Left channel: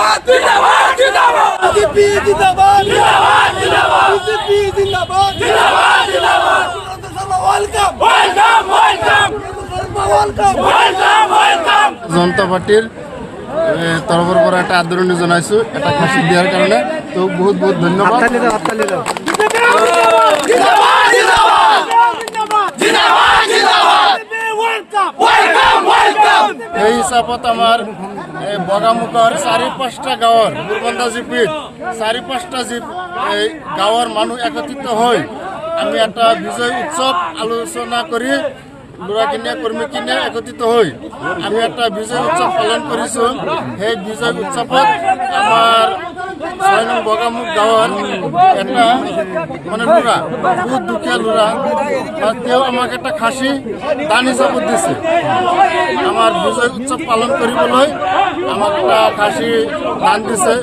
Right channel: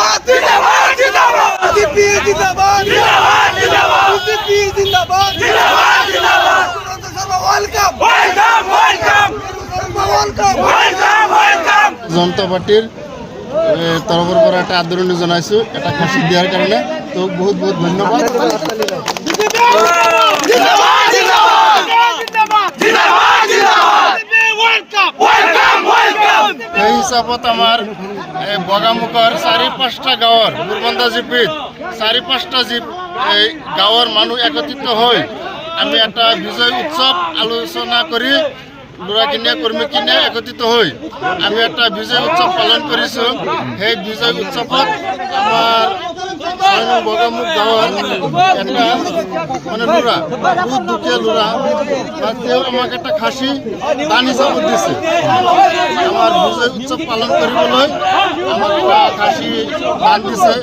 জিন্দাবাদ জিন্দাবাদ জিন্দাবাদ বিজেপি জিন্দাবাদ জিন্দাবাদ জিন্দাবাদ বিজেপি জিন্দাবাদ জিন্দাবাদ জিন্দাবাদ welcome welcome welcome welcome welcome welcome Janata পার্টির তরফৰ পৰা এটা আদৰণি জনাইছো এটা খাসি দিয়াৰ কাৰণে তো বহুত বহুত ধন্যবাদ। সেই হিচাপত আমাৰ বগামুখৰ 4-5টা গাঁৱৰ মুৰবন্দা জিপিত 4-5টা জিপ এই গাঁৱৰ মানুহ একত্ৰিত হৈ আমি এটা বিজয় উৎসৱ আলোচনা কৰি ল'ৰাখিনিয়ে কৰ্মীখিনিয়ে একত্ৰিত হৈ আমি এটা বিজয় উৎসৱ পালন কৰিছোঁ। সেই বিজয় উৎসৱত আমাৰ 6 নং বগামুখ গাঁৱৰ এটা মানে ল'ৰা বহুত দুখীয়া ল'ৰা তেওঁ আমাক এটা খাচী দান হিচাপত দিছে। আমাৰ বিজয় উৎসৱ পালন কৰিবলৈ আমাক এটা খাচী দান দিছে।